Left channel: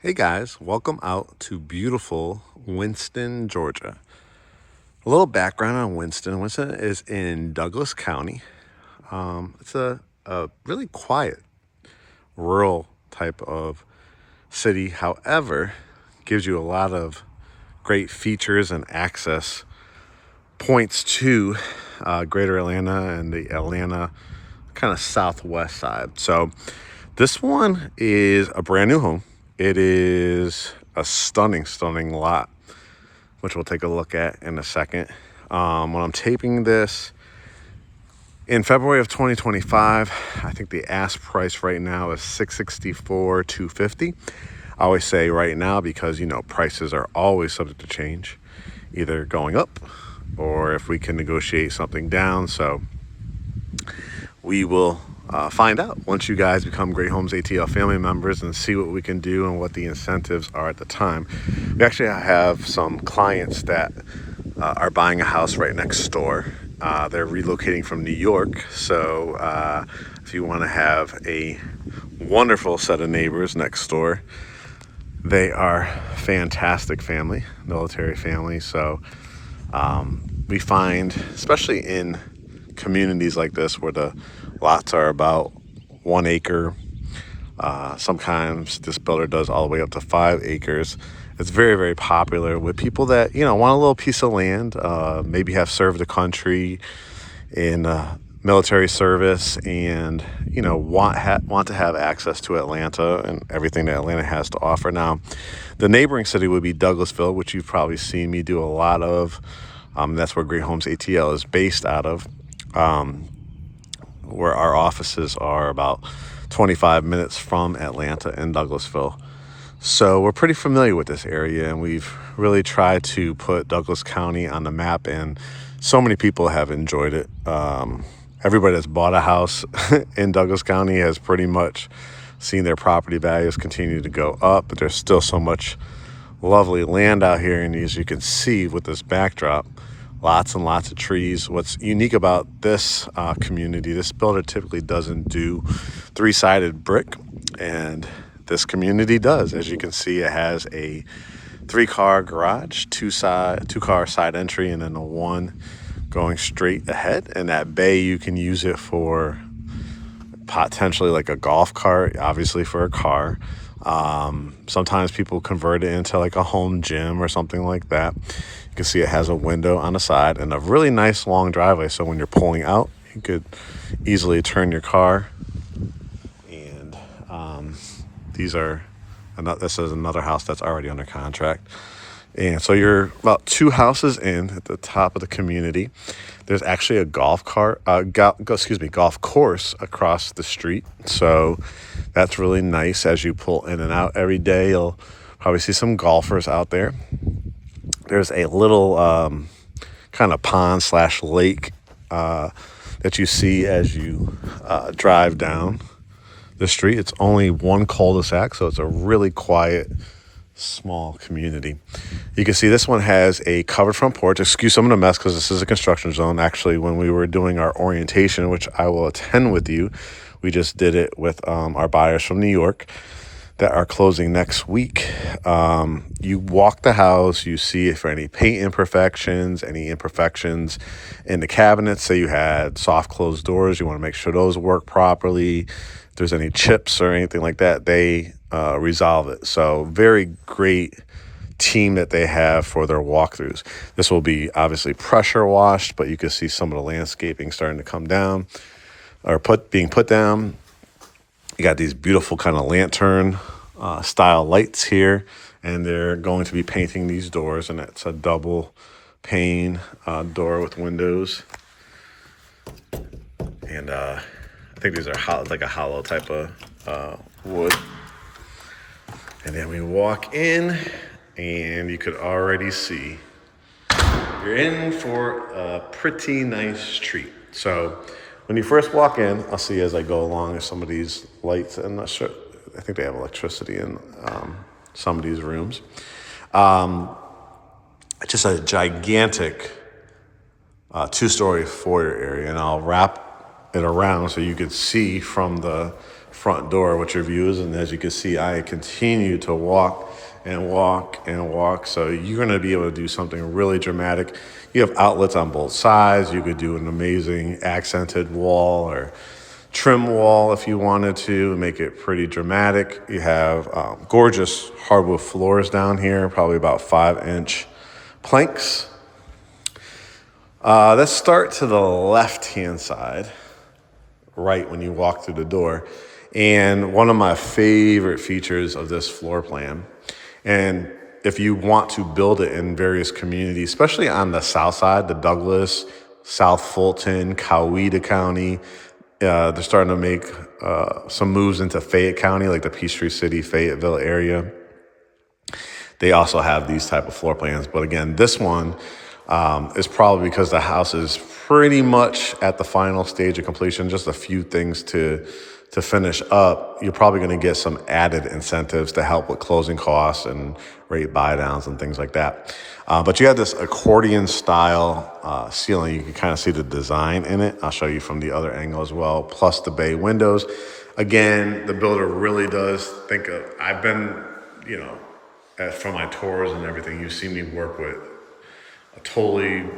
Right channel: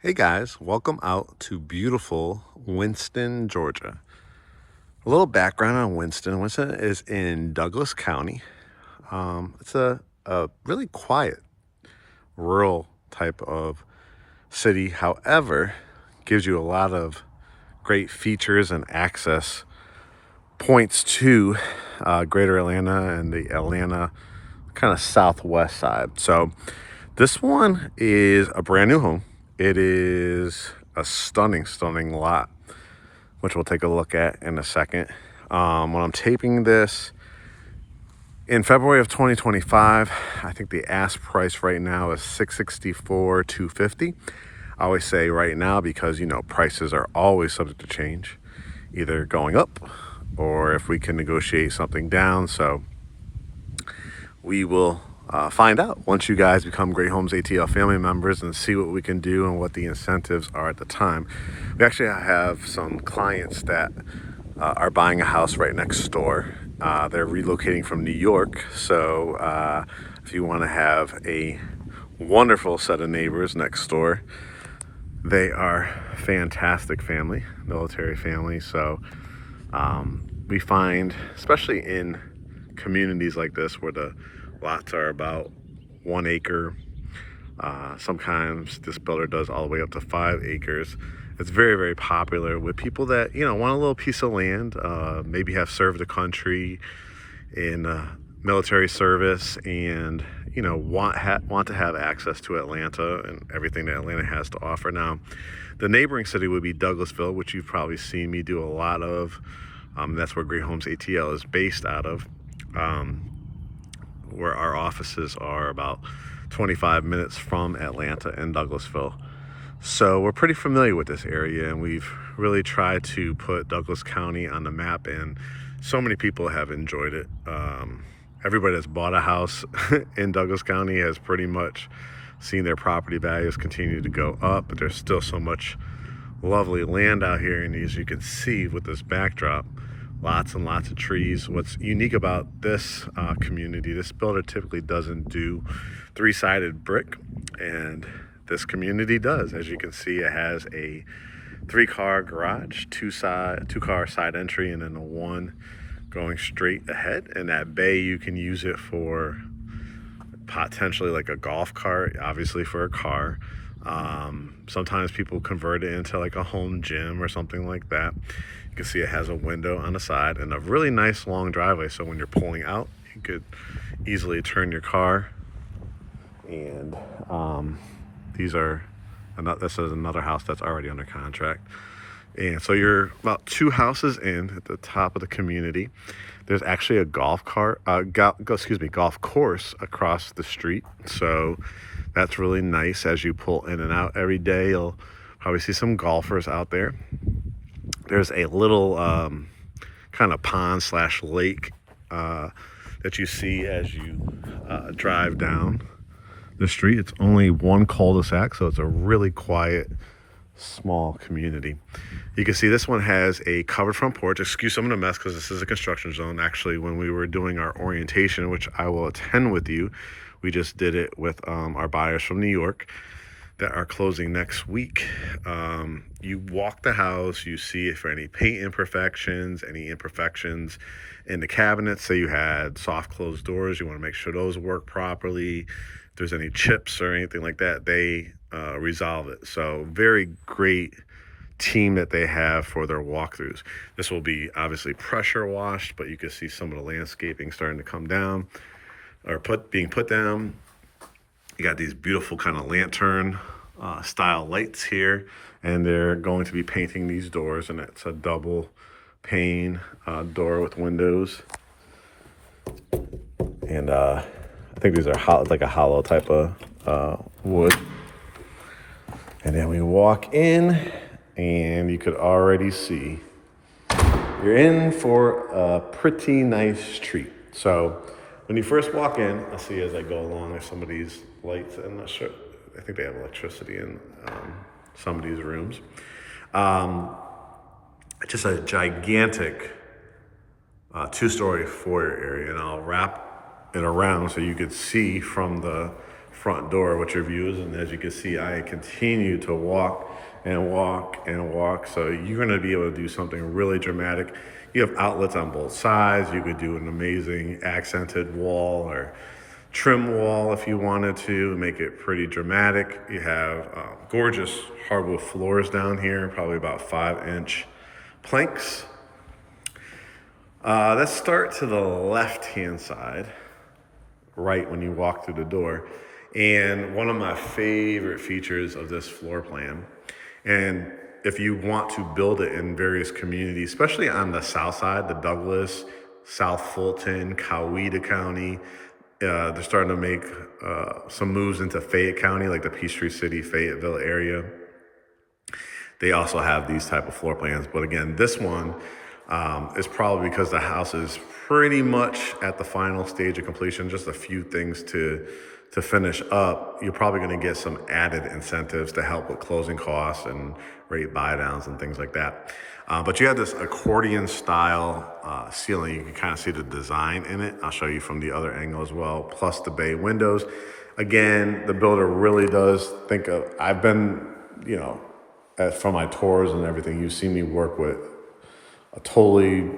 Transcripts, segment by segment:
Hey guys, welcome out to beautiful Winston, Georgia. A little background on Winston. Winston is in Douglas County. It's a really quiet, rural type of city. However, gives you a lot of great features and access points to greater Atlanta and the Atlanta kind of southwest side. So this one is a brand new home. It is a stunning lot, which we'll take a look at in a second. When I'm taping this in February of 2025, I think the ask price right now is $664,250. I always say right now because prices are always subject to change, either going up or if we can negotiate something down. So we will find out once you guys become Great Homes ATL family members and see what we can do and what the incentives are at the time. We actually have some clients that are buying a house right next door. They're relocating from New York. So if you want to have a wonderful set of neighbors next door, they are fantastic family, military family. So we find, especially in communities like this where the lots are about 1 acre. Sometimes this builder does all the way up to 5 acres. It's very, very popular with people that, want a little piece of land, maybe have served the country in military service and, want to have access to Atlanta and everything that Atlanta has to offer. Now, the neighboring city would be Douglasville, which you've probably seen me do a lot of. That's where Great Homes ATL is based out of. Where our offices are about 25 minutes from Atlanta and Douglasville. So we're pretty familiar with this area, and we've really tried to put Douglas County on the map, and so many people have enjoyed it. Everybody that's bought a house in Douglas County has pretty much seen their property values continue to go up, but there's still so much lovely land out here, and as you can see with this backdrop, lots and lots of trees. What's unique about this community, this builder typically doesn't do 3-sided brick, and this community does. As you can see, it has a 3-car garage, 2-car side entry, and then a 1 going straight ahead. And that bay, you can use it for potentially like a golf cart, obviously for a car. Sometimes people convert it into like a home gym or something like that. You can see it has a window on the side and a really nice long driveway. So when you're pulling out, you could easily turn your car. And this is another house that's already under contract. And so you're about 2 houses in at the top of the community. There's actually a golf course across the street. So that's really nice. As you pull in and out every day, you'll probably see some golfers out there. There's a little kind of pond/lake that you see as you drive down the street. It's only 1 cul-de-sac, so it's a really quiet, small community. You can see this one has a covered front porch. Excuse some of the mess because this is a construction zone. Actually, when we were doing our orientation, which I will attend with you, we just did it with our buyers from New York that are closing next week. You walk the house, you see if there are any paint imperfections, any imperfections in the cabinets. Say you had soft closed doors, you want to make sure those work properly. If there's any chips or anything like that, they resolve it. So very great team that they have for their walkthroughs. This will be obviously pressure washed, but you can see some of the landscaping starting to come down or being put down. You got these beautiful kind of lantern style lights here, and they're going to be painting these doors, and it's a double pane door with windows. And I think these are like a hollow type of wood. And then we walk in, and you could already see you're in for a pretty nice treat. So when you first walk in, I'll see as I go along some of these lights. I'm not sure. I think they have electricity in some of these rooms. Just a gigantic 2-story foyer area, and I'll wrap it around so you could see from the front door, what your view is. And as you can see, I continue to walk and walk and walk. So you're gonna be able to do something really dramatic. You have outlets on both sides. You could do an amazing accented wall or trim wall if you wanted to make it pretty dramatic. You have gorgeous hardwood floors down here, probably about 5-inch planks. Let's start to the left-hand side, right when you walk through the door. And one of my favorite features of this floor plan, and if you want to build it in various communities, especially on the south side, the Douglas, South Fulton, Coweta County, they're starting to make some moves into Fayette County, like the Peachtree City, Fayetteville area. They also have these type of floor plans. But again, this one is probably because the house is pretty much at the final stage of completion, just a few things to finish up. You're probably going to get some added incentives to help with closing costs and rate buy downs and things like that. But you have this accordion style ceiling. You can kind of see the design in it. I'll show you from the other angle as well, plus the bay windows. Again, the builder really does think of, I've been, from my tours and everything, you've seen me work with a totally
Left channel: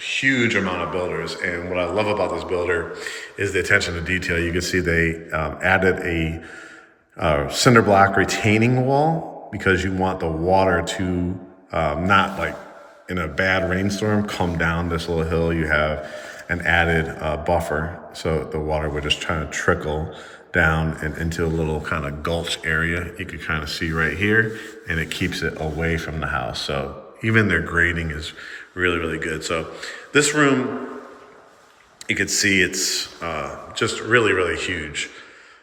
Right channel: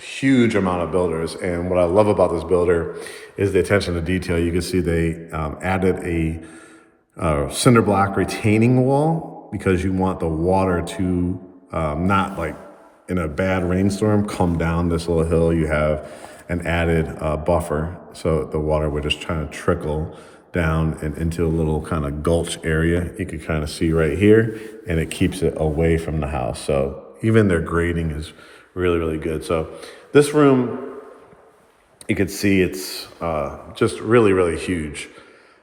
huge amount of builders. And what I love about this builder is the attention to detail. You can see they added a cinder block retaining wall because you want the water to not like in a bad rainstorm come down this little hill. You have an added buffer, so the water would just try to trickle down and into a little kind of gulch area. You can kind of see right here, and it keeps it away from the house. So even their grading is really, really good. So this room, you can see it's just really, really huge.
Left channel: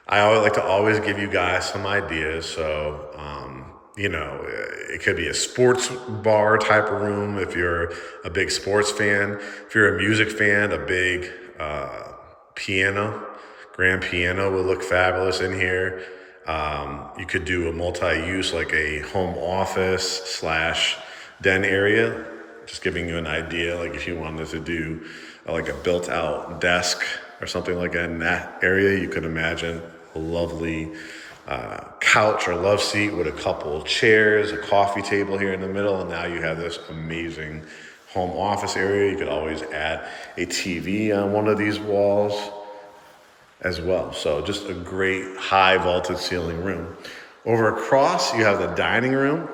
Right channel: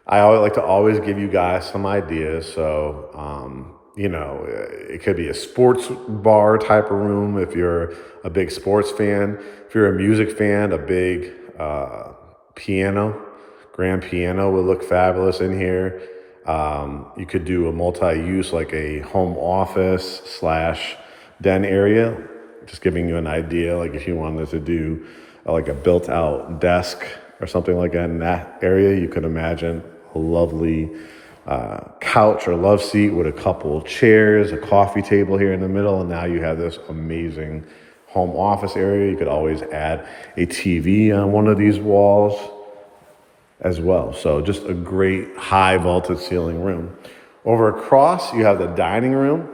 I always like to always give you guys some ideas. So, it could be a sports bar type of room if you're a big sports fan. If you're a music fan, a big grand piano would look fabulous in here. You could do a multi-use like a home office / den area. Just giving you an idea, like if you wanted to do like a built out desk or something like that in that area, you could imagine a lovely couch or love seat with a couple chairs, a coffee table here in the middle, and now you have this amazing home office area. You could always add a TV on one of these walls as well. So just a great high vaulted ceiling room. Over across, you have the dining room.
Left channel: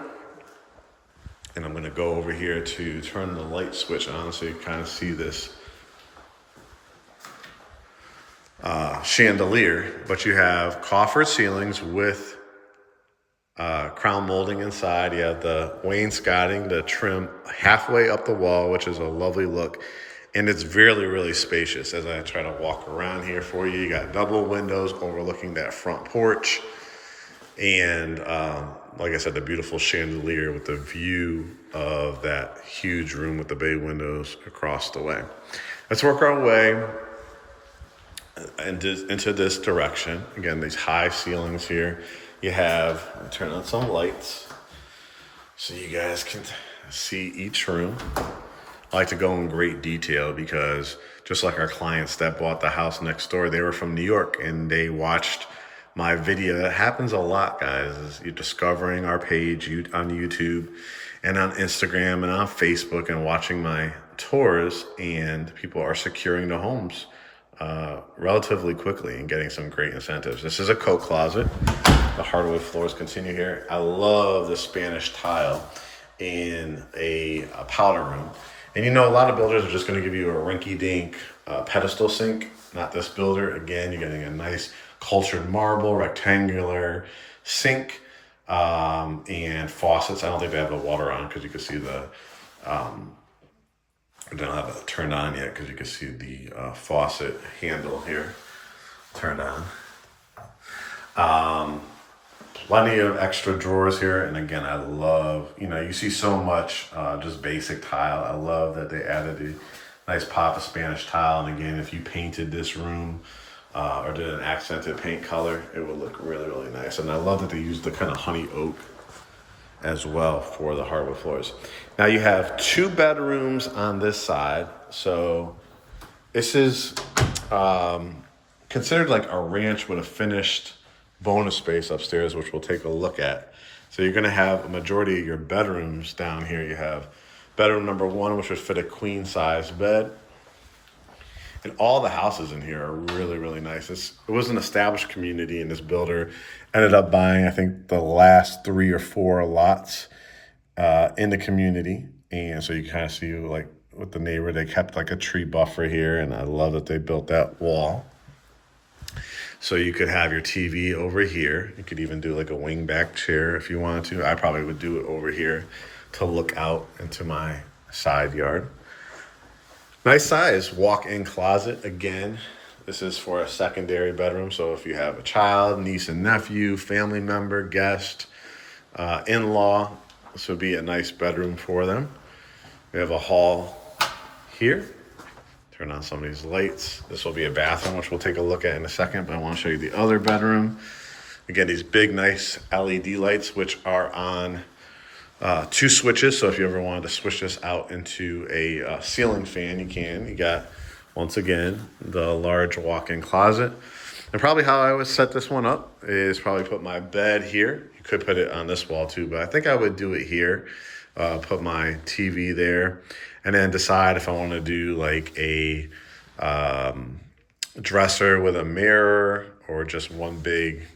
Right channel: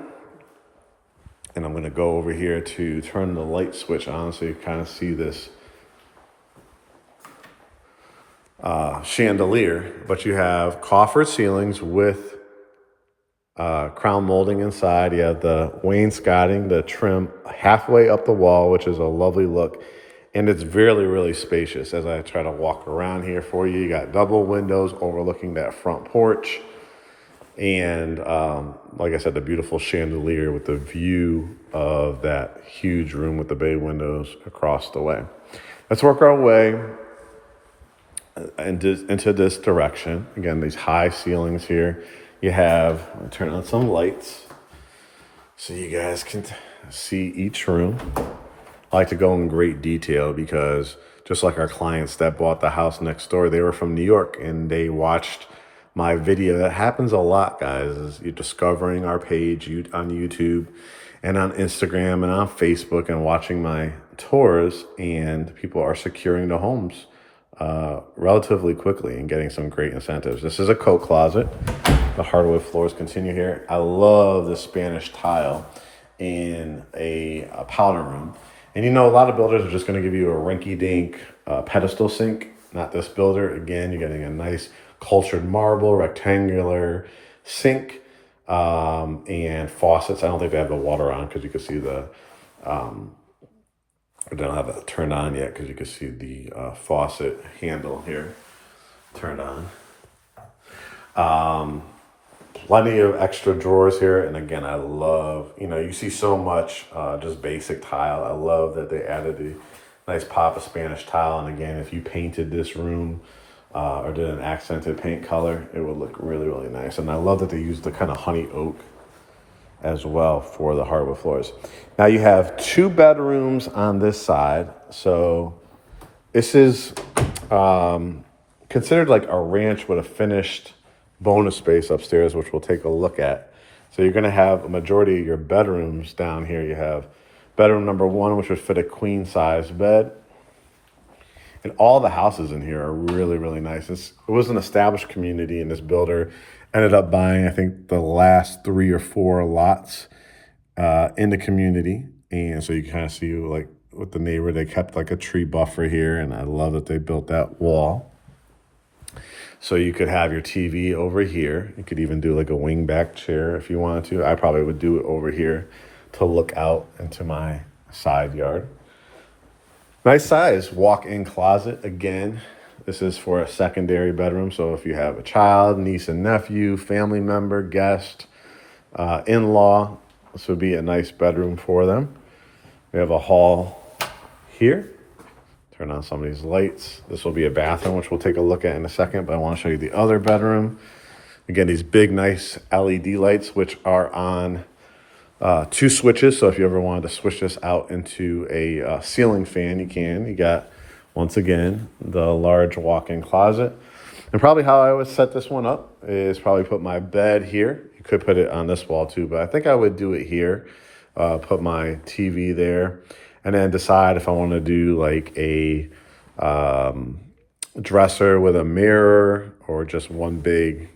And I'm gonna go over here to turn the light switch on so you kind of see this chandelier. But you have coffered ceilings with crown molding inside. You have the wainscoting, the trim halfway up the wall, which is a lovely look. And it's really, really spacious. As I try to walk around here for you, you got double windows overlooking that front porch. And like I said, the beautiful chandelier with the view of that huge room with the bay windows across the way. Let's work our way into this direction. Again, these high ceilings here. You have, I'll turn on some lights so you guys can see each room. I like to go in great detail because just like our clients that bought the house next door, they were from New York and they watched my video. That happens a lot, guys, is you're discovering our page on YouTube and on Instagram and on Facebook and watching my tours, and people are securing the homes relatively quickly and getting some great incentives. This is a coat closet. The hardwood floors continue here. I love the Spanish tile in a powder room. And a lot of builders are just going to give you a rinky-dink pedestal sink. Not this builder. Again, you're getting a nice cultured marble, rectangular sink, and faucets. I don't think they have the water on because you can see they don't have it turned on yet because you can see the faucet handle here turned on. Plenty of extra drawers here. And again, I love, you see so much just basic tile. I love that they added the nice pop of Spanish tile. And again, if you painted this room or did an accented paint color, it would look really, really nice. And I love that they used the kind of honey oak as well for the hardwood floors. Now you have 2 bedrooms on this side. So this is considered like a ranch with a finished bonus space upstairs, which we'll take a look at. So you're gonna have a majority of your bedrooms down here. You have bedroom number 1, which would fit a queen size bed. And all the houses in here are really, really nice. It was an established community, and this builder ended up buying, I think, the last 3 or 4 lots in the community. And so you kind of see, like, with the neighbor, they kept like a tree buffer here, and I love that they built that wall. So you could have your TV over here. You could even do like a wingback chair if you wanted to. I probably would do it over here to look out into my side yard. Nice size walk-in closet. Again, this is for a secondary bedroom. So if you have a child, niece and nephew, family member, guest, in-law, this would be a nice bedroom for them. We have a hall here. Turn on some of these lights. This will be a bathroom, which we'll take a look at in a second, but I want to show you the other bedroom. Again, these big, nice LED lights, which are on 2 switches. So if you ever wanted to switch this out into a ceiling fan, you can. You got, once again, the large walk-in closet. And probably how I would set this one up is probably put my bed here. You could put it on this wall too, but I think I would do it here. Put my TV there. And then decide if I want to do like a dresser with a mirror or just one big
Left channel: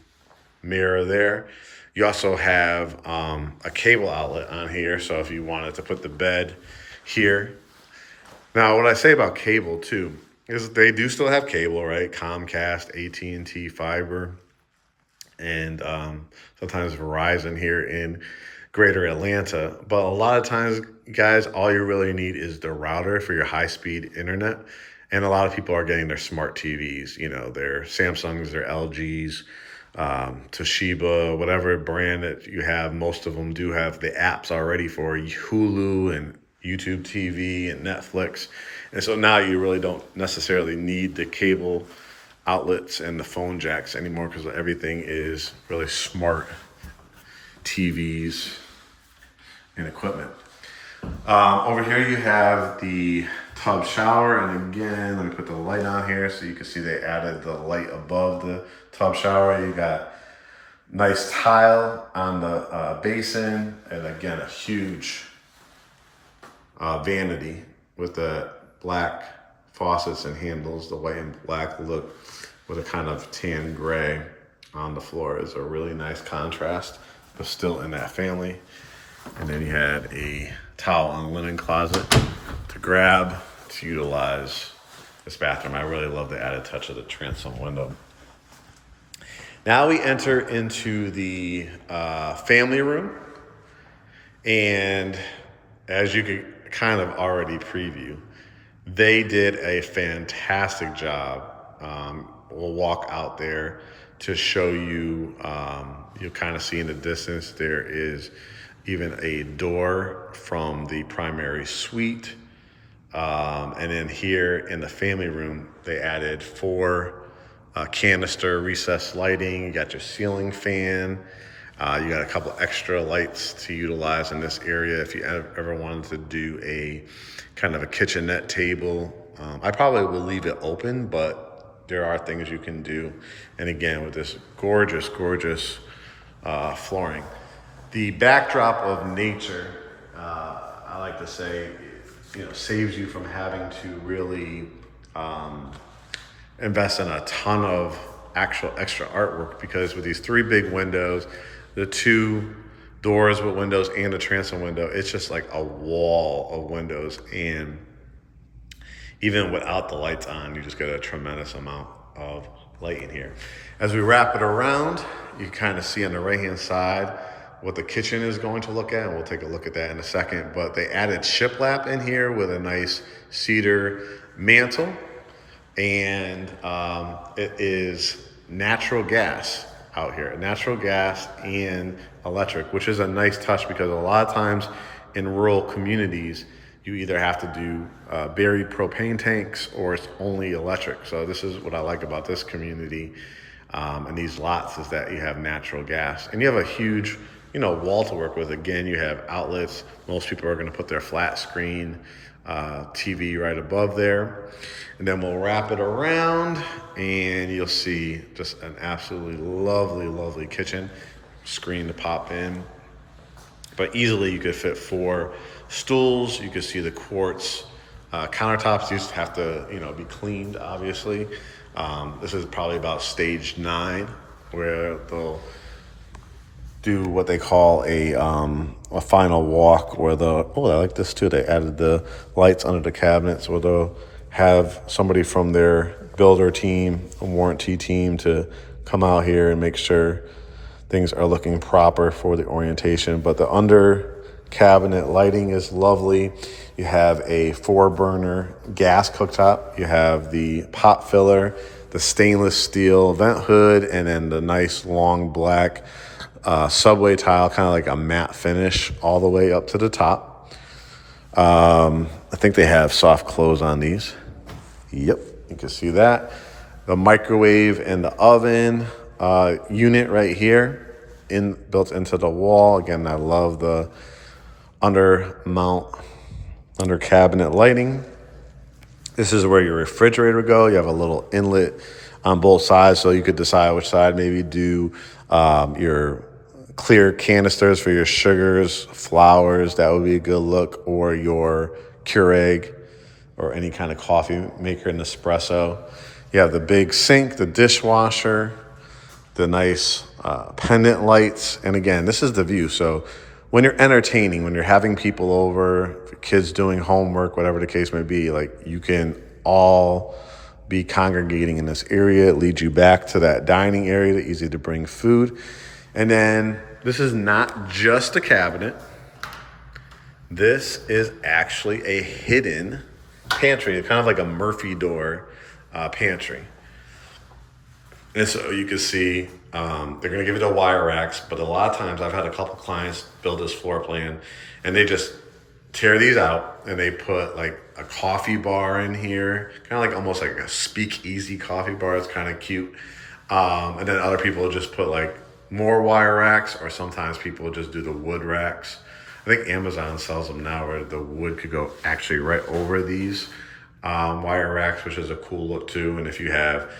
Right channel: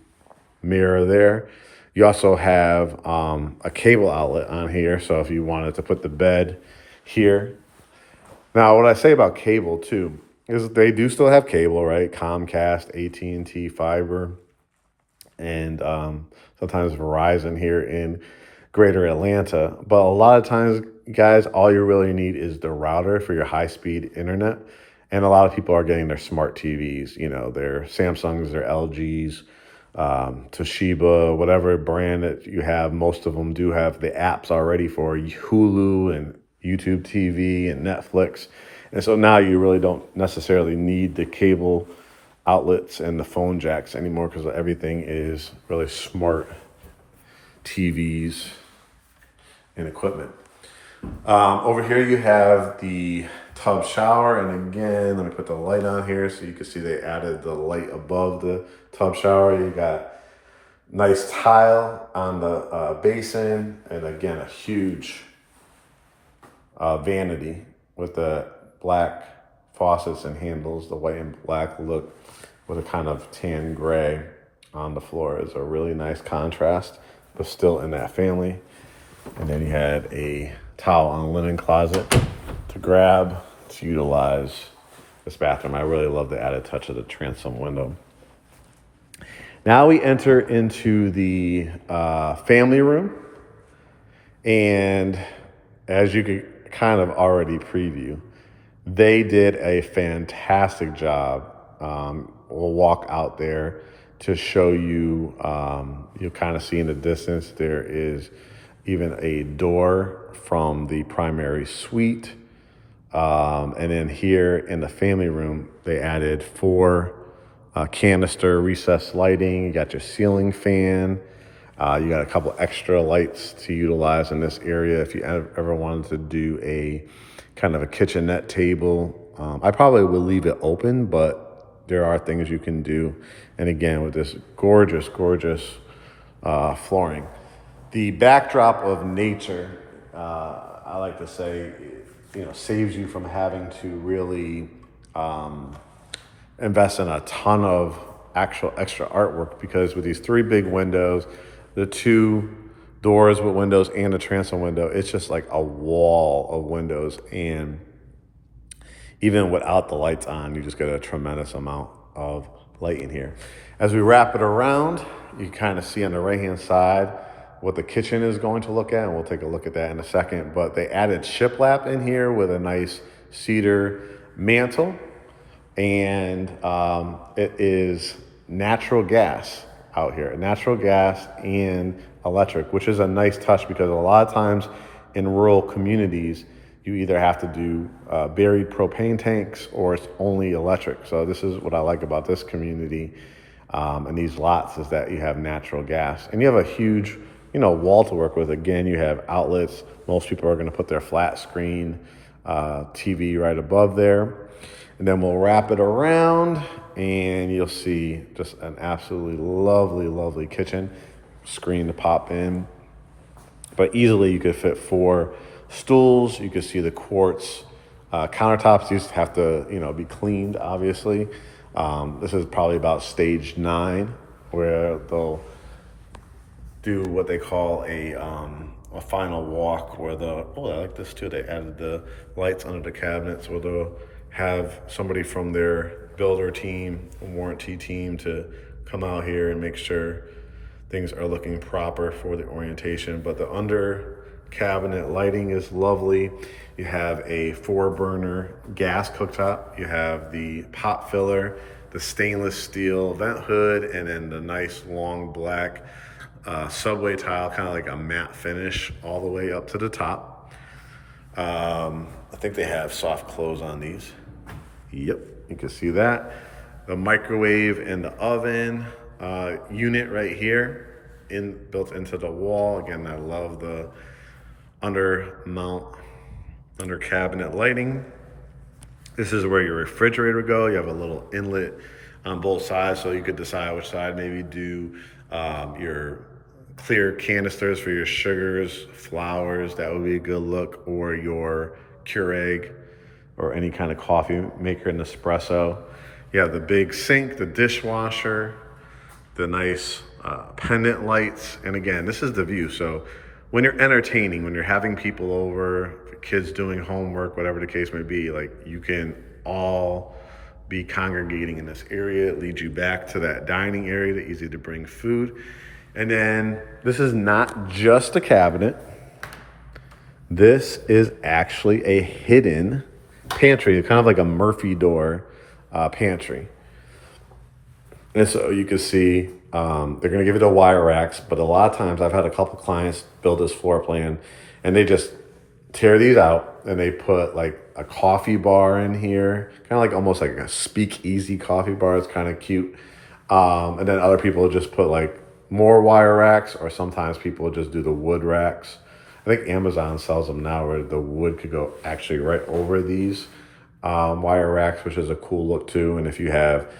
mirror there. You also have a cable outlet on here. So if you wanted to put the bed here. Now, what I say about cable too is they do still have cable, right? Comcast, AT&T, fiber, and sometimes Verizon here in Greater Atlanta. But a lot of times, guys, all you really need is the router for your high-speed internet. And a lot of people are getting their smart TVs, you know, their Samsungs, their LGs, Toshiba, whatever brand that you have. Most of them do have the apps already for Hulu and YouTube TV and Netflix. And so now you really don't necessarily need the cable outlets and the phone jacks anymore because everything is really smart TVs and equipment. Over here you have the tub shower, and again, let me put the light on here so you can see they added the light above the tub shower. You got nice tile on the basin, and again, a huge vanity with the black faucets and handles. The white and black look with a kind of tan gray on the floor is a really nice contrast, but still in that family. And then you had a towel and linen closet to grab to utilize this bathroom. I really love the added touch of the transom window. Now we enter into the family room. And as you could kind of already preview, they did a fantastic job. We'll walk out there to show you, you'll kind of see in the distance, there is even a door from the primary suite. And then here in the family room, they added 4 canister recessed lighting. You got your ceiling fan. You got a couple extra lights to utilize in this area if you ever wanted to do a kind of a kitchenette table. I probably would leave it open, but there are things you can do. And again, with this gorgeous, gorgeous flooring. The backdrop of nature, I like to say, saves you from having to really invest in a ton of actual extra artwork, because with these 3 big windows, the 2 doors with windows and the transom window, it's just like a wall of windows. And even without the lights on, you just get a tremendous amount of light in here. As we wrap it around, you kind of see on the right-hand side what the kitchen is going to look at, and we'll take a look at that in a second. But they added shiplap in here with a nice cedar mantle, and it is natural gas out here, natural gas and electric, which is a nice touch because a lot of times in rural communities, you either have to do buried propane tanks or it's only electric. So this is what I like about this community and these lots, is that you have natural gas and you have a huge wall to work with. Again, you have outlets. Most people are going to put their flat screen TV right above there. And then we'll wrap it around and you'll see just an absolutely lovely, lovely kitchen. Screen to pop in. But easily you could fit 4 stools. You could see the quartz countertops used to have to, be cleaned, obviously. This is probably about stage 9, where they'll do what they call a final walk, where I like this too. They added the lights under the cabinets, where they'll have somebody from their builder team, a warranty team, to come out here and make sure things are looking proper for the orientation. But the under cabinet lighting is lovely. You have a 4-burner gas cooktop. You have the pot filler, the stainless steel vent hood, and then the nice long black subway tile, kind of like a matte finish all the way up to the top. I think they have soft close on these. Yep, you can see that. The microwave and the oven unit right here, built into the wall. Again, I love the under cabinet lighting. This is where your refrigerator would go. You have a little inlet on both sides, so you could decide which side. Maybe do your clear canisters for your sugars, flours. That would be a good look, or your Keurig, or any kind of coffee maker, an espresso. You have the big sink, the dishwasher, the nice pendant lights. And again, this is the view. So when you're entertaining, when you're having people over, kids doing homework, whatever the case may be, like, you can all be congregating in this area. It leads you back to that dining area, that's easy to bring food. And then this is not just a cabinet. This is actually a hidden pantry, kind of like a Murphy door pantry. And so you can see they're going to give you the wire racks, but a lot of times I've had a couple clients build this floor plan, and they just tear these out and they put like a coffee bar in here, kind of like almost like a speakeasy coffee bar. It's kind of cute. And then other people just put like more wire racks, or sometimes people just do the wood racks. I think Amazon sells them now where the wood could go actually right over these wire racks, which is a cool look too. And if you have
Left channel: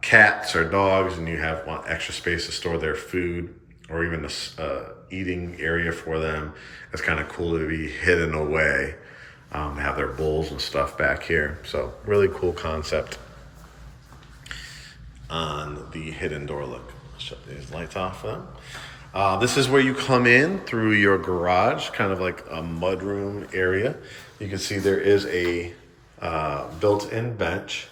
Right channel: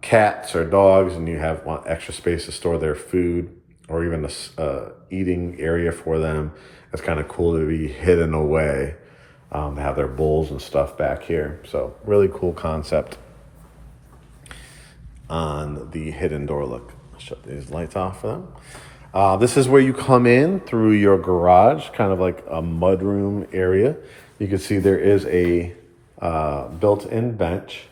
cats or dogs and you want extra space to store their food, or even a eating area for them, it's kind of cool to be hidden away. They have their bowls and stuff back here. So really cool concept on the hidden door look. Shut these lights off for them. This is where you come in through your garage, kind of like a mudroom area. You can see there is a built-in bench.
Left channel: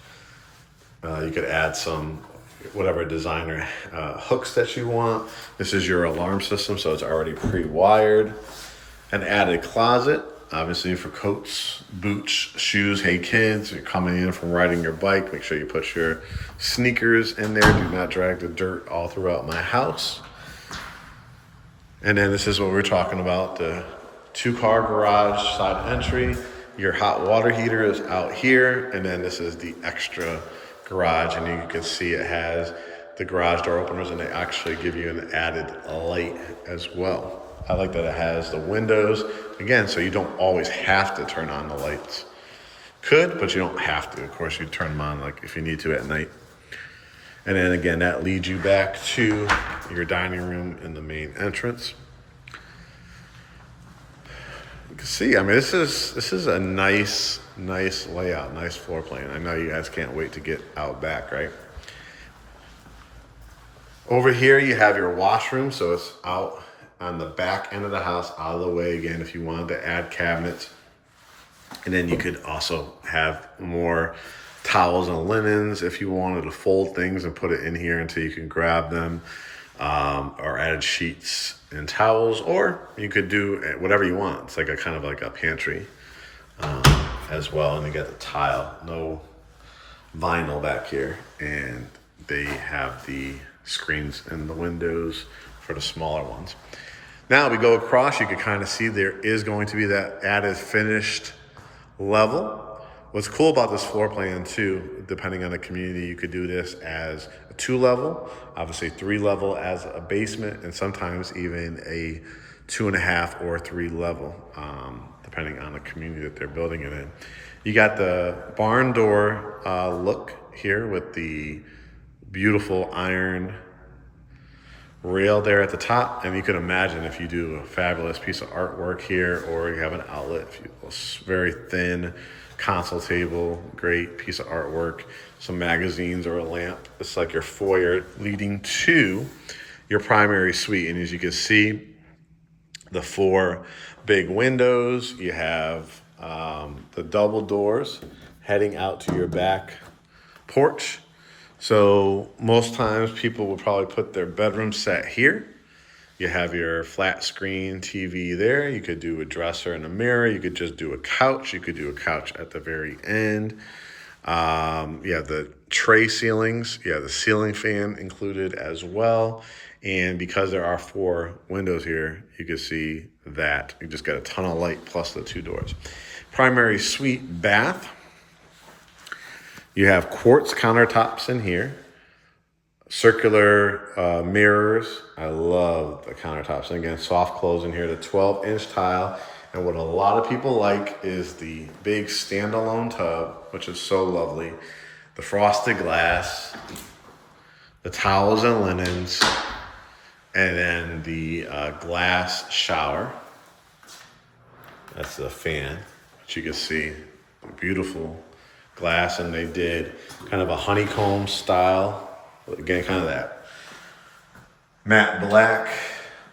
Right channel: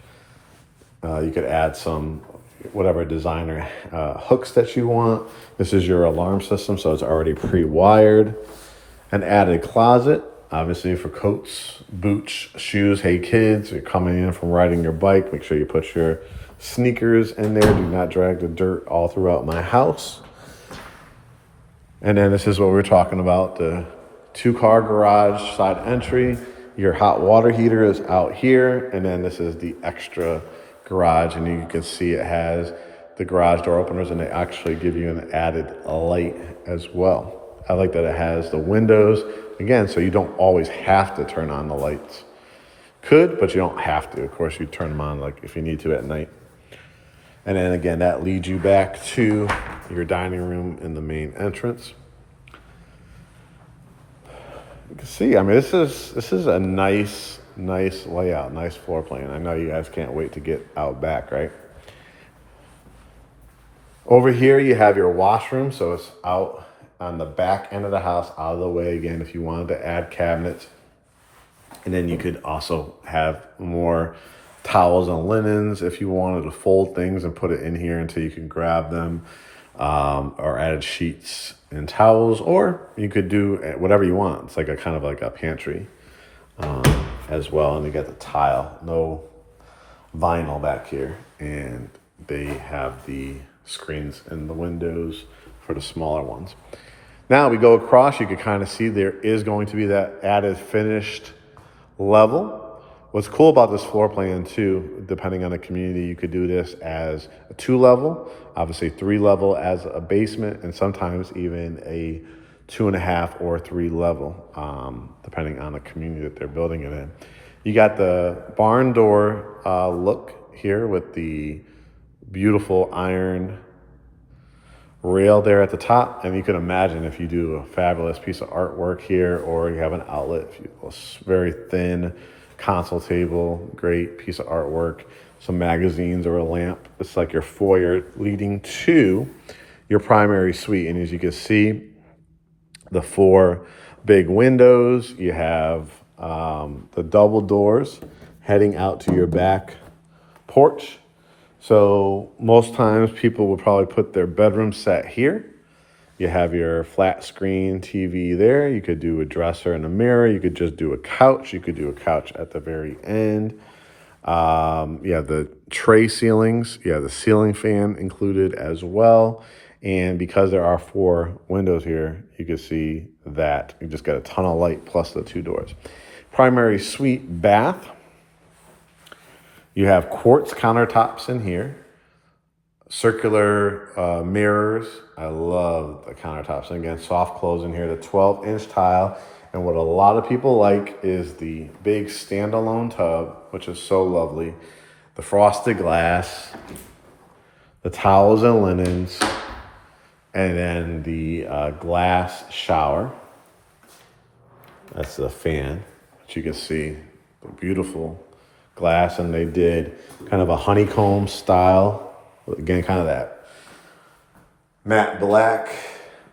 You could add some whatever designer hooks that you want. This is your alarm system, so it's already pre-wired. An added closet, obviously for coats, boots, shoes. Hey kids, you're coming in from riding your bike, make sure you put your sneakers in there. Do not drag the dirt all throughout my house. And then this is what we're talking about, the 2-car garage side entry. Your hot water heater is out here, and then this is the extra garage, and you can see it has the garage door openers, and they actually give you an added light as well. I like that it has the windows, again, so you don't always have to turn on the lights. Could, but you don't have to. Of course, you turn them on like if you need to at night. And then again, that leads you back to your dining room in the main entrance. You can see, I mean, this is a nice layout, nice floor plan. I know you guys can't wait to get out back, right? Over here, you have your washroom, so it's out on the back end of the house, out of the way again, if you wanted to add cabinets. And then you could also have more towels and linens if you wanted to fold things and put it in here until you can grab them, or added sheets and towels, or you could do whatever you want. It's like a kind of like a pantry as well. And you got the tile, no vinyl back here, and they have the screens in the windows for the smaller ones. Now we go across, you can kind of see there is going to be that added finished level. What's cool about this floor plan too, depending on the community, you could do this as a 2-level, obviously 3-level as a basement, and sometimes even a 2.5 or 3-level, depending on the community that they're building it in. You got the barn door look here with the beautiful iron rail there at the top. And you can imagine if you do a fabulous piece of artwork here, or you have an outlet, a very thin console table, great piece of artwork, some magazines or a lamp. It's like your foyer leading to your primary suite. And as you can see, the 4 big windows, you have the double doors heading out to your back porch. So most times people will probably put their bedroom set here. You have your flat screen TV there. You could do a dresser and a mirror. You could just do a couch. You could do a couch at the very end. You have the tray ceilings. You have the ceiling fan included as well. And because there are 4 windows here, you can see that you just got a ton of light plus the 2 doors. Primary suite bath. You have quartz countertops in here, circular mirrors. I love the countertops. And again, soft close in here, the 12-inch tile. And what a lot of people like is the big standalone tub, which is so lovely. The frosted glass, the towels and linens, and then the glass shower. That's the fan, which you can see, beautiful glass, and they did kind of a honeycomb style, again kind of that matte black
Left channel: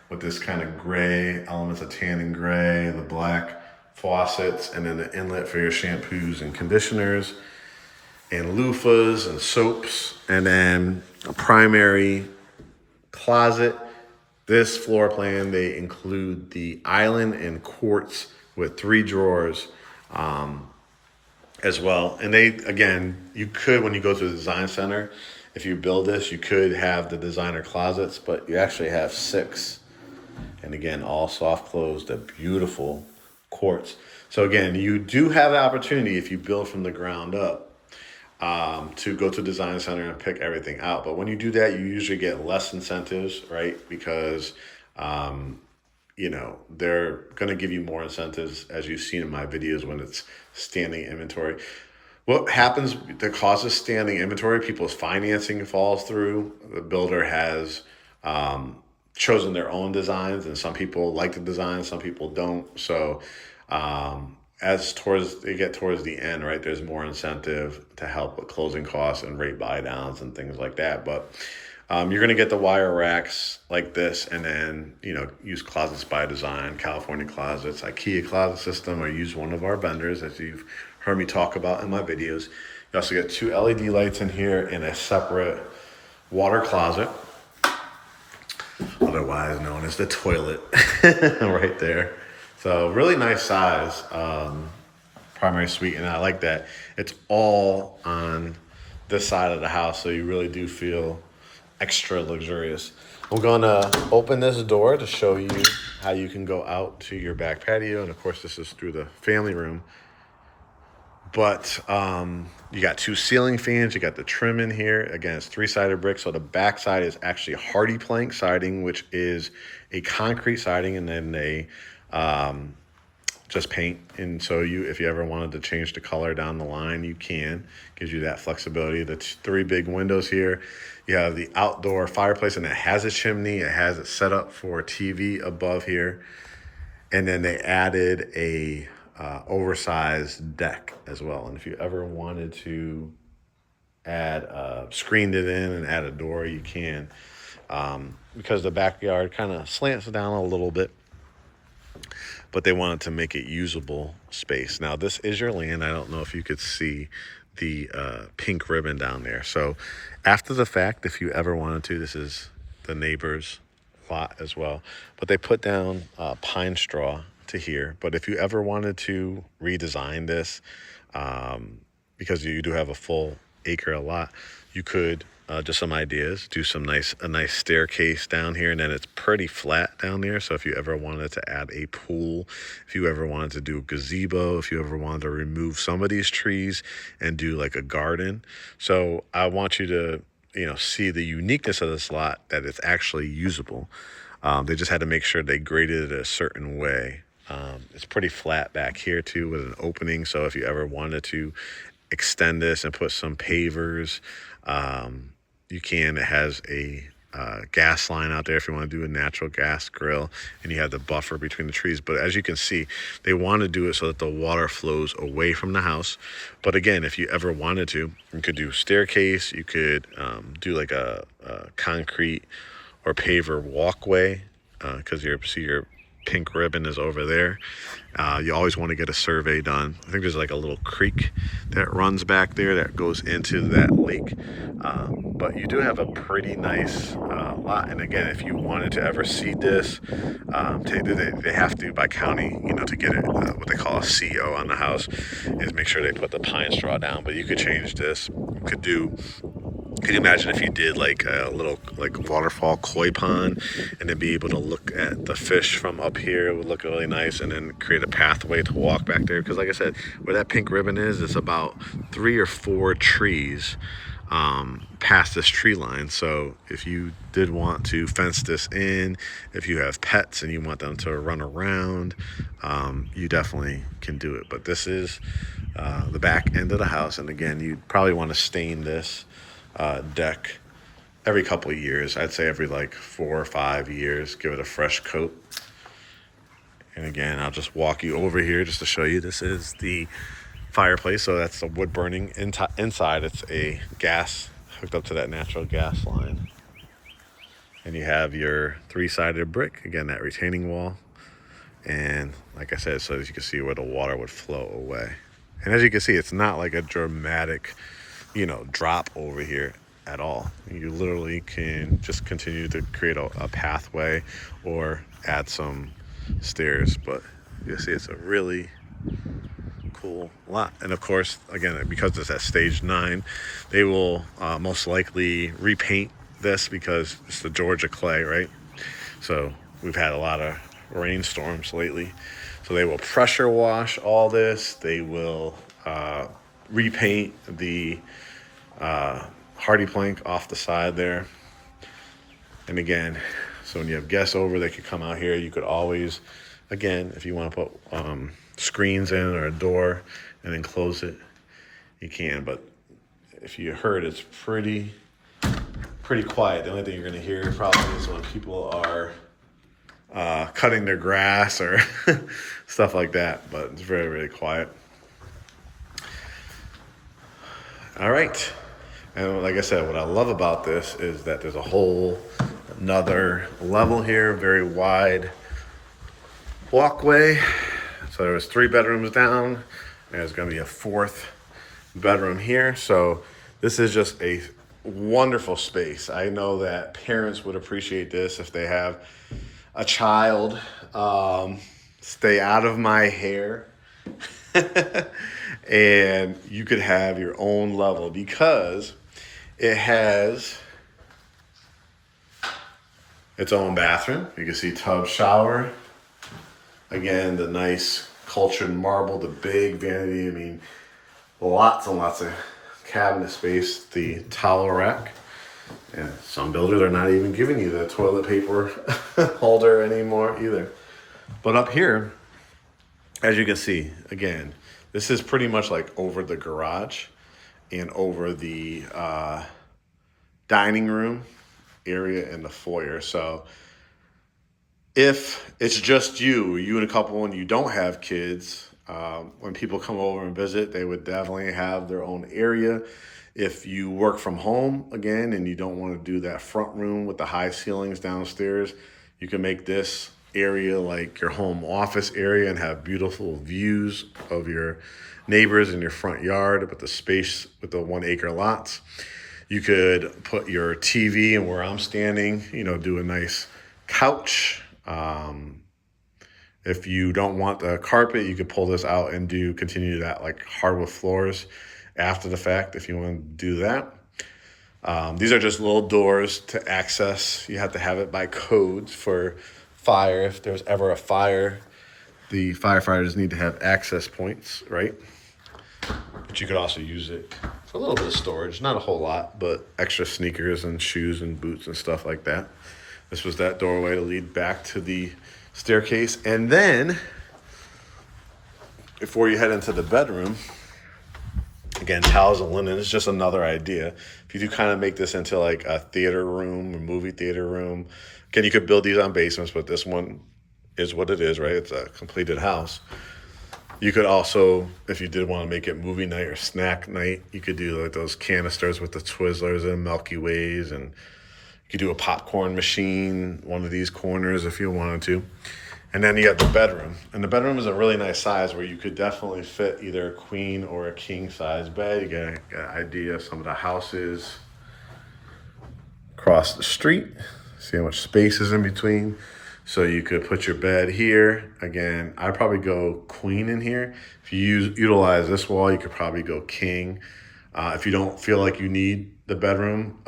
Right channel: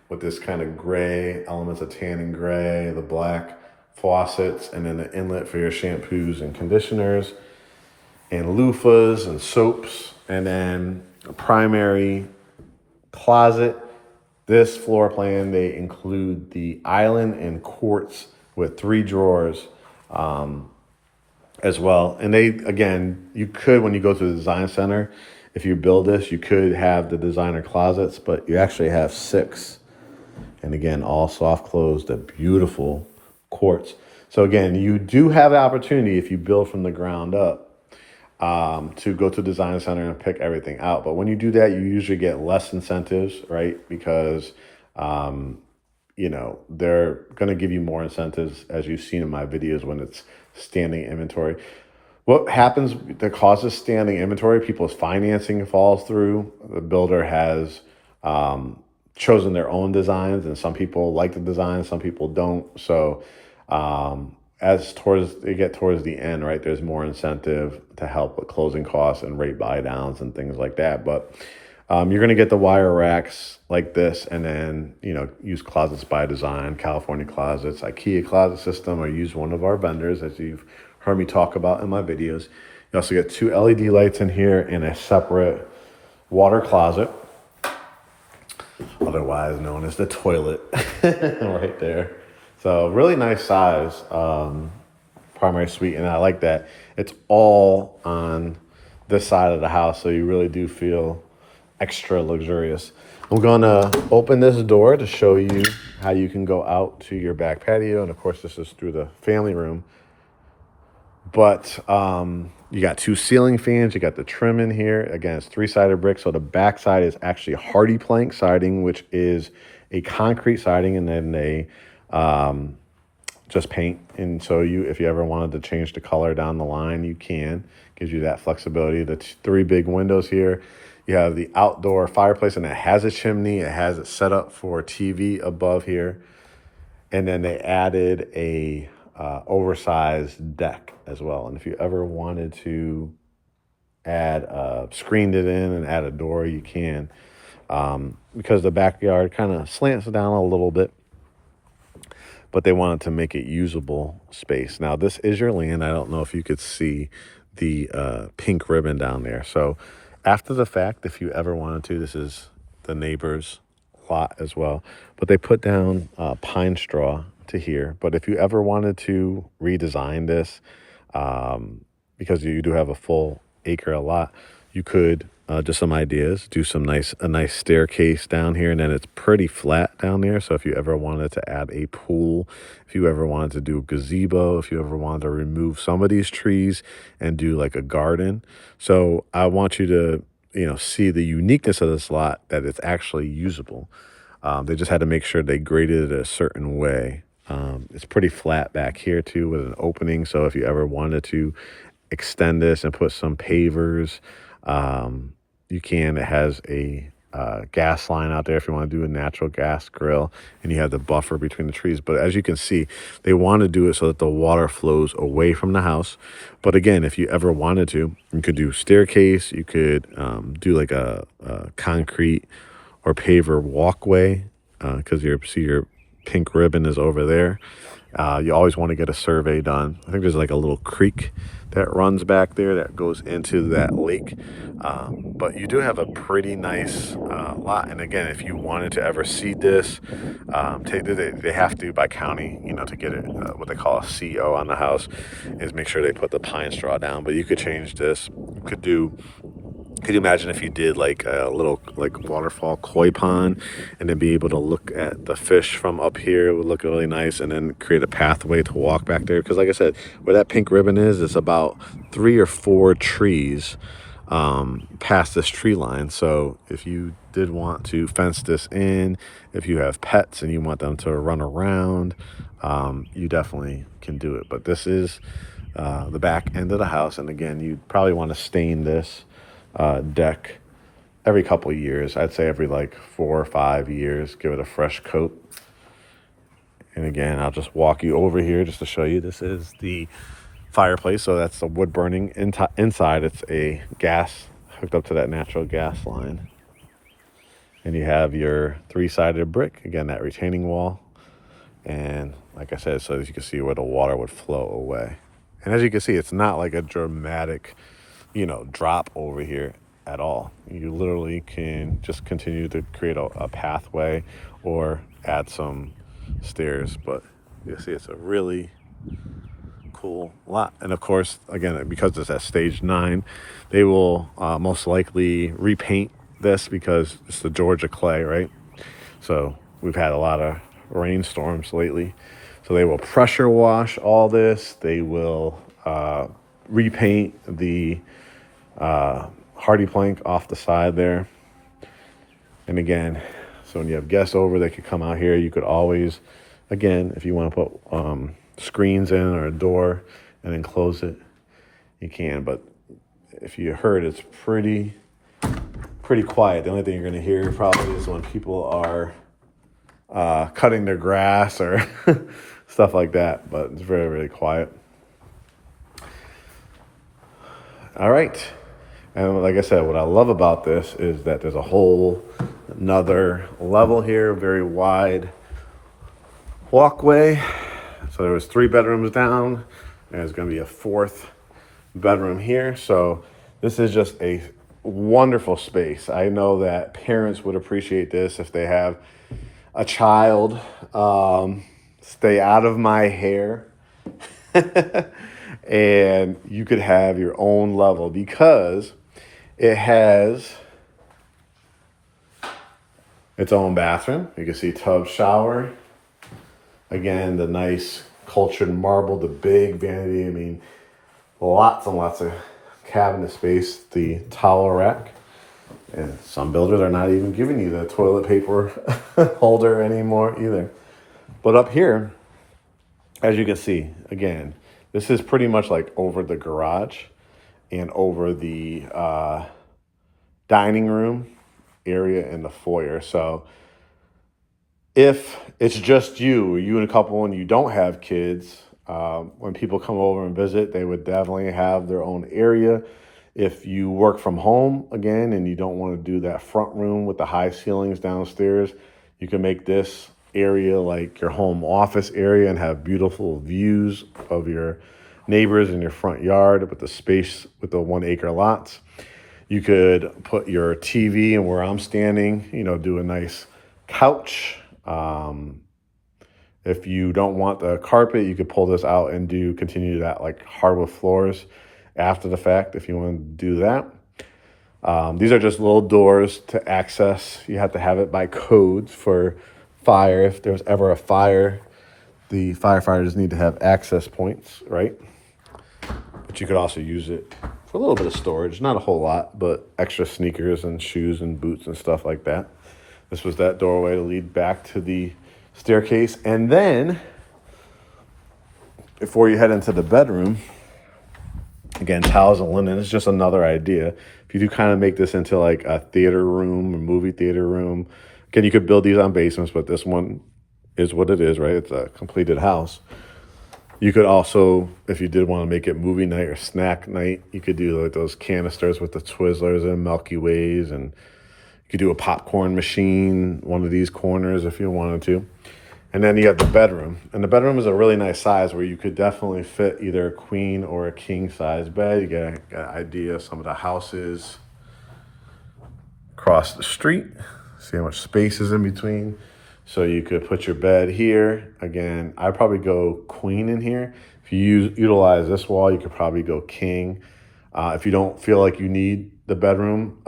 with this kind of gray elements of tan and gray, the black faucets, and then the inlet for your shampoos and conditioners and loofahs and soaps, and then a primary closet. This floor plan, they include the island and quartz with 3 drawers as well. And they, again, you could, when you go to the design center, if you build this, you could have the designer closets, but you actually have 6. And again, all soft closed, a beautiful quartz. So again, you do have the opportunity, if you build from the ground up, to go to design center and pick everything out. But when you do that, you usually get less incentives, right? Because, you know, they're going to give you more incentives, as you've seen in my videos, when it's standing inventory. What happens that causes standing inventory? People's financing falls through. The builder has chosen their own designs, and some people like the design, some people don't. So as they get towards the end, right, there's more incentive to help with closing costs and rate buy downs and things like that. But you're going to get the wire racks like this, and then, you know, use Closets by Design, California Closets, IKEA Closet System, or use one of our vendors, as you've heard me talk about in my videos. You also get 2 LED lights in here and a separate water closet, otherwise known as the toilet, right there. So really nice size primary suite, and I like that it's all on this side of the house, so you really do feel extra luxurious. I'm gonna open this door to show you how you can go out to your back patio, and of course this is through the family room. But you got 2 ceiling fans, you got the trim in here. Again, it's 3-sided brick, so the back side is actually hardy plank siding, which is a concrete siding, and then they just paint. And so if you ever wanted to change the color down the line, you can. Gives you that flexibility. The 3 big windows here. You have the outdoor fireplace, and it has a chimney. It has it set up for TV above here. And then they added a oversized deck as well. And if you ever wanted to screened it in and add a door, you can. Because the backyard kind of slants down a little bit, but they wanted to make it usable space. Now, this is your land. I don't know if you could see the pink ribbon down there. So after the fact, if you ever wanted to, this is the neighbor's lot as well. But they put down pine straw to here. But if you ever wanted to redesign this, because you do have a full acre lot, you could, just some ideas, do a nice staircase down here, and then it's pretty flat down there. So if you ever wanted to add a pool, if you ever wanted to do a gazebo, if you ever wanted to remove some of these trees and do like a garden. So I want you to, you know, see the uniqueness of this lot, that it's actually usable. They just had to make sure they graded it a certain way It's pretty flat back here too with an opening. So if you ever wanted to extend this and put some pavers, you can. It has a gas line out there if you want to do a natural gas grill, and you have the buffer between the trees. But as you can see, they want to do it so that the water flows away from the house. But again, if you ever wanted to, you could do staircase. You could do like a concrete or paver walkway, because your pink ribbon is over there. You always want to get a survey done. I think there's like a little creek that runs back there that goes into that lake. But you do have a pretty nice lot. And again, if you wanted to ever seed this, they have to by county, to get it, what they call a CO on the house, is make sure they put the pine straw down. But you could change this. Could you imagine if you did like a little like waterfall koi pond and then be able to look at the fish from up here? It would look really nice, and then create a pathway to walk back there. Because like I said, where that pink ribbon is, it's about 3 or 4 trees past this tree line. So if you did want to fence this in, if you have pets and you want them to run around, you definitely can do it. But this is the back end of the house. And again, you'd probably want to stain this deck every couple of years. I'd say every like 4 or 5 years, give it a fresh coat. And again, I'll just walk you over here just to show you. This is the fireplace. So that's the wood burning inside. It's a gas hooked up to that natural gas line. And you have your 3-sided brick, again, that retaining wall. And like I said, so as you can see where the water would flow away. And as you can see, it's not like a dramatic drop over here at all. You literally can just continue to create a pathway or add some stairs. But you see, it's a really cool lot. And of course, again, because it's at stage 9, they will most likely repaint this because it's the Georgia clay, right? So we've had a lot of rainstorms lately. So they will pressure wash all this. They will repaint the hardy plank off the side there. And again, so when you have guests over, they could come out here. You could always, again, if you want to put screens in or a door and then close it, you can. But if you heard, it's pretty quiet. The only thing you're going to hear probably is when people are cutting their grass or stuff like that. But it's very, very quiet. All right. And like I said, what I love about this is that there's a whole another level here, very wide walkway. So there was 3 bedrooms down, and there's going to be a 4th bedroom here. So this is just a wonderful space. I know that parents would appreciate this if they have a child. Stay out of my hair. And you could have your own level because it has its own bathroom. You can see tub, shower. Again, the nice cultured marble, the big vanity. I mean, lots and lots of cabinet space. The towel rack. And some builders are not even giving you the toilet paper holder anymore either. But up here, as you can see, again, this is pretty much like over the garage and over the dining room area and the foyer. So if it's just you and a couple and you don't have kids, when people come over and visit, they would definitely have their own area. If you work from home, again, and you don't want to do that front room with the high ceilings downstairs, you can make this area like your home office area and have beautiful views of your neighbors in your front yard with the space with the 1-acre lots. You could put your TV and where I'm standing, do a nice couch. If you don't want the carpet, you could pull this out and continue that like hardwood floors after the fact if you want to do that. These are just little doors to access. You have to have it by code for fire. If there's ever a fire, the firefighters need to have access points, right? But you could also use it for a little bit of storage, not a whole lot, but extra sneakers and shoes and boots and stuff like that. This was that doorway to lead back to the staircase. And then before you head into the bedroom, again, towels and linen is just another idea. If you do kind of make this into like a theater room, a movie theater room, again, you could build these on basements, but this one is what it is, right? It's a completed house. You could also, if you did want to make it movie night or snack night, you could do like those canisters with the Twizzlers and Milky Ways, and you could do a popcorn machine, one of these corners if you wanted to. And then you have the bedroom. And the bedroom is a really nice size where you could definitely fit either a queen or a king size bed. You get an idea of some of the houses across the street. See how much space is in between. So you could put your bed here. Again, I'd probably go queen in here. If you utilize this wall, you could probably go king. If you don't feel like you need the bedroom,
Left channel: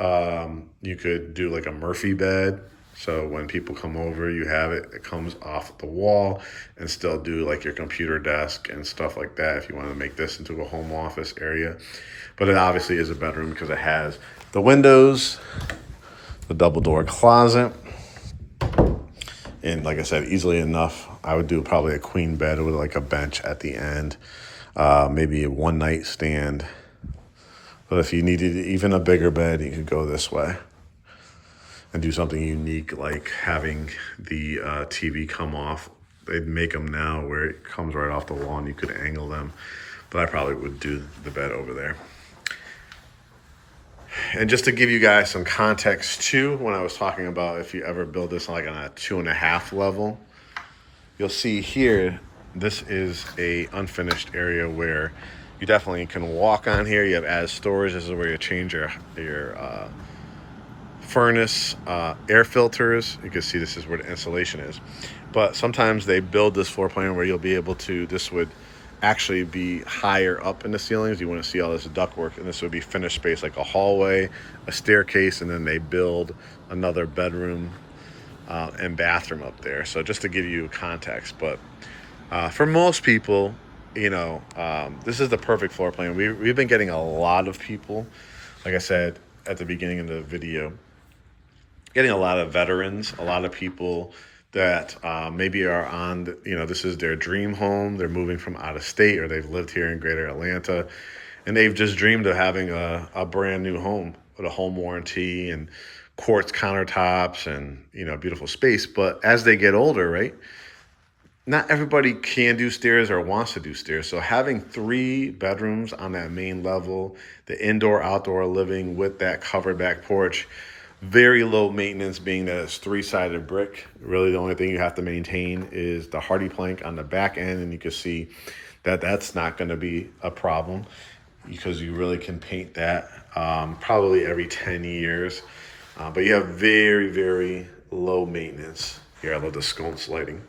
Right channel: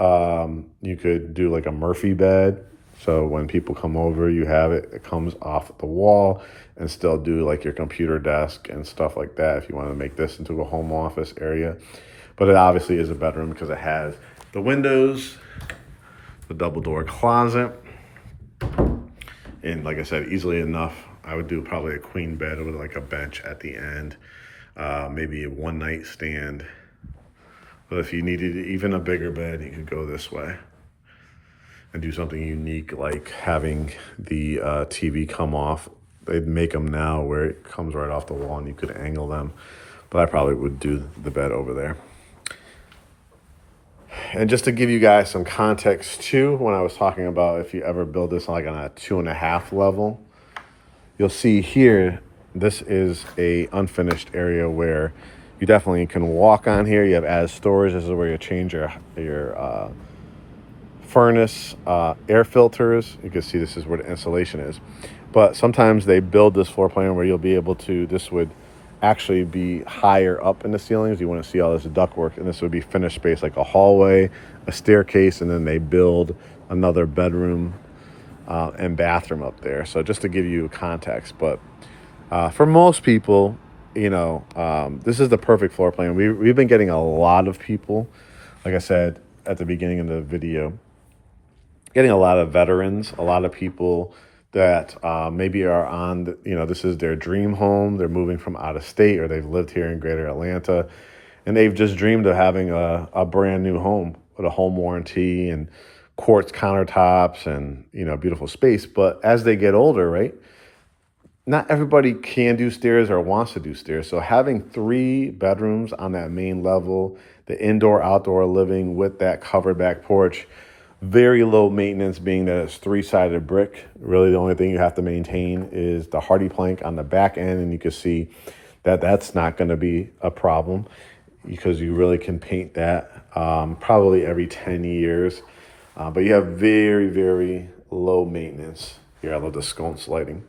you could do like a Murphy bed. So when people come over, you have it, it comes off the wall, and still do like your computer desk and stuff like that if you want to make this into a home office area. But it obviously is a bedroom because it has the windows, the double door closet, and like I said, easily enough, I would do probably a queen bed with like a bench at the end, maybe a one night stand. But if you needed even a bigger bed, you could go this way and do something unique like having the TV come off. They'd make them now where it comes right off the wall and you could angle them. But I probably would do the bed over there. And just to give you guys some context too, when I was talking about if you ever build this like on a 2.5 level, you'll see here, this is a unfinished area where you definitely can walk on here. You have as storage. This is where you change your furnace, air filters. You can see this is where the insulation is. But sometimes they build this floor plan where you'll be able to, this would actually be higher up in the ceilings. You want to see all this ductwork, and this would be finished space like a hallway, a staircase, and then they build another bedroom and bathroom up there. So just to give you context, but for most people, you know, this is the perfect floor plan. We've been getting a lot of people, like I said at the beginning of the video, getting a lot of veterans, a lot of people that maybe are on, this is their dream home. They're moving from out of state, or they've lived here in greater Atlanta, and they've just dreamed of having a brand new home with a home warranty and quartz countertops and, beautiful space. But as they get older, right, not everybody can do stairs or wants to do stairs. So having 3 bedrooms on that main level, the indoor, outdoor living with that covered back porch, very low maintenance, being that it's 3-sided brick. Really the only thing you have to maintain is the hardy plank on the back end, and you can see that that's not going to be a problem because you really can paint that probably every 10 years. But you have very, very low maintenance. Here, I love the sconce lighting.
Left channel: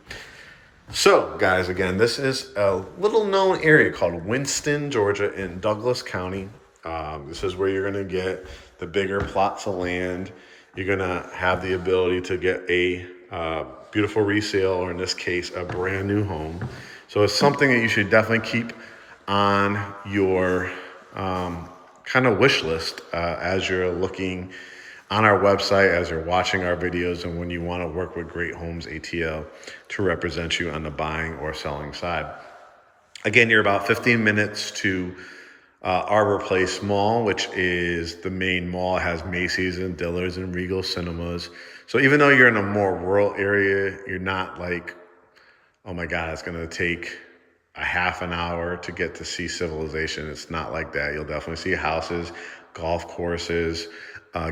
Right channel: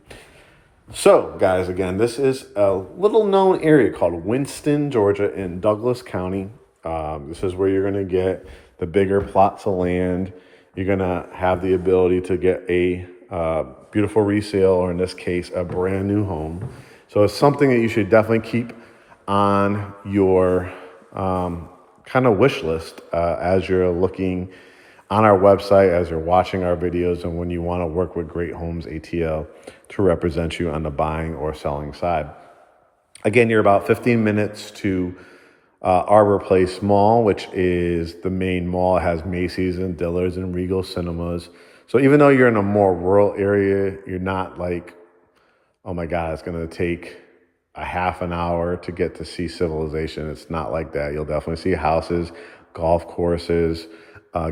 So guys, again, this is a little known area called Winston, Georgia in Douglas County. This is where you're going to get the bigger plots of land. You're going to have the ability to get a beautiful resale, or in this case, a brand new home. So it's something that you should definitely keep on your kind of wish list as you're looking on our website, as you're watching our videos, and when you want to work with GreatHomesATL to represent you on the buying or selling side. Again, you're about 15 minutes to Arbor Place Mall, which is the main mall. It has Macy's and Dillard's and Regal Cinemas. So even though you're in a more rural area, you're not like, oh my God, it's going to take a half an hour to get to see civilization. It's not like that. You'll definitely see houses, golf courses,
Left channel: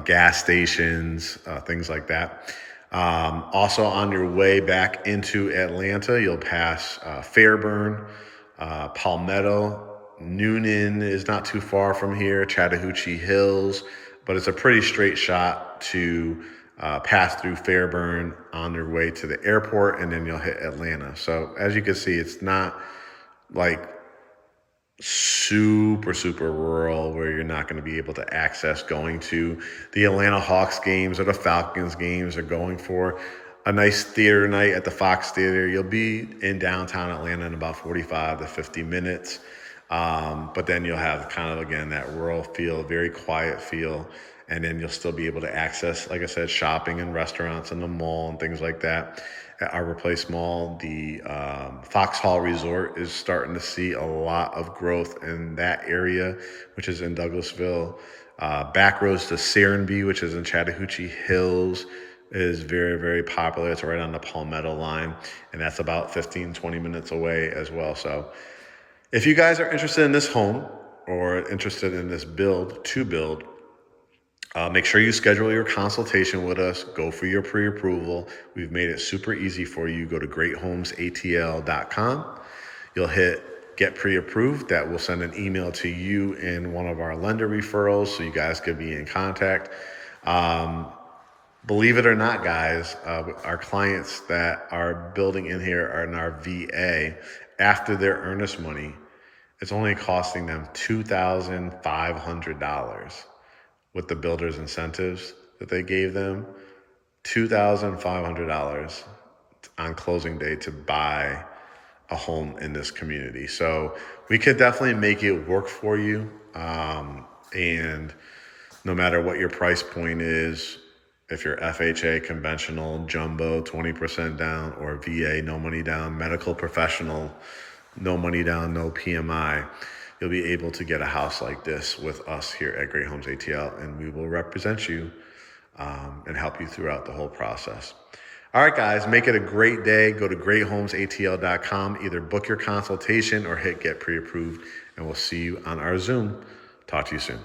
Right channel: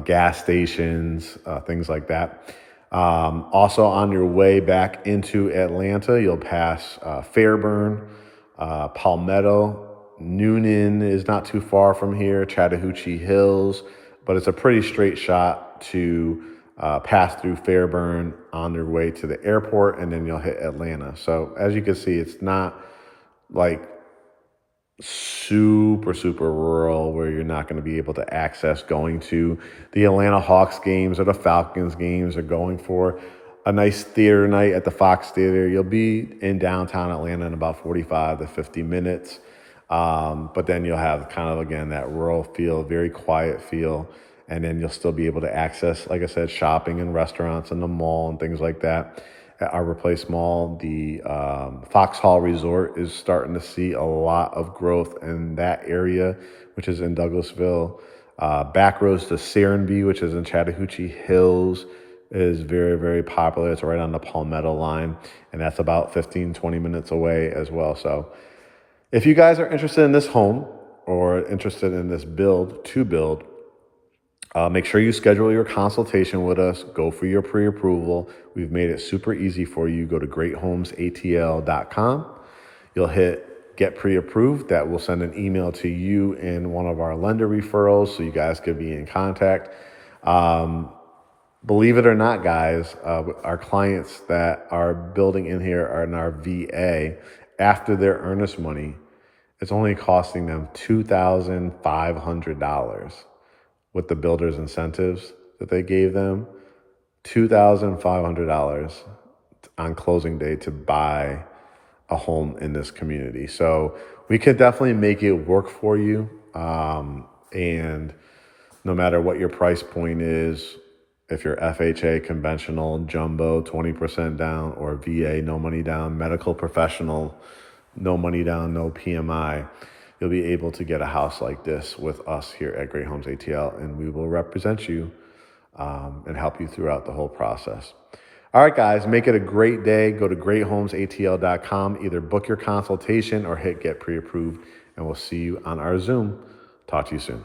gas stations, things like that. Also on your way back into Atlanta, you'll pass Fairburn, Palmetto. Noonan is not too far from here, Chattahoochee Hills, but it's a pretty straight shot to pass through Fairburn on your way to the airport, and then you'll hit Atlanta. So as you can see, it's not like super rural where you're not going to be able to access going to the Atlanta Hawks games or the Falcons games, or going for a nice theater night at the Fox Theater. You'll be in downtown Atlanta in about 45 to 50 minutes. But then you'll have kind of, again, that rural feel, very quiet feel. And then you'll still be able to access, like I said, shopping and restaurants and the mall and things like that, Arbor Place Mall, the Foxhall Resort is starting to see a lot of growth in that area, which is in Douglasville. Back roads to Serenbe, which is in Chattahoochee Hills, is very, very popular. It's right on the Palmetto line, and that's about 15, 20 minutes away as well. So if you guys are interested in this home or interested in this build, make sure you schedule your consultation with us. Go for your pre-approval. We've made it super easy for you. Go to GreatHomesATL.com. You'll hit get pre-approved. That will send an email to you and one of our lender referrals so you guys could be in contact. Believe it or not, guys, our clients that are building in here are in our VA. After their earnest money, it's only costing them $2,500 with the builder's incentives that they gave them. $2,500 on closing day to buy a home in this community. So we could definitely make it work for you. And no matter what your price point is, if you're FHA, conventional, jumbo, 20% down, or VA, no money down, medical professional, no money down, no PMI, you'll be able to get a house like this with us here at Great Homes ATL, and we will represent you and help you throughout the whole process. All right, guys, make it a great day. Go to GreatHomesATL.com. Either book your consultation or hit get pre-approved, and we'll see you on our Zoom. Talk to you soon.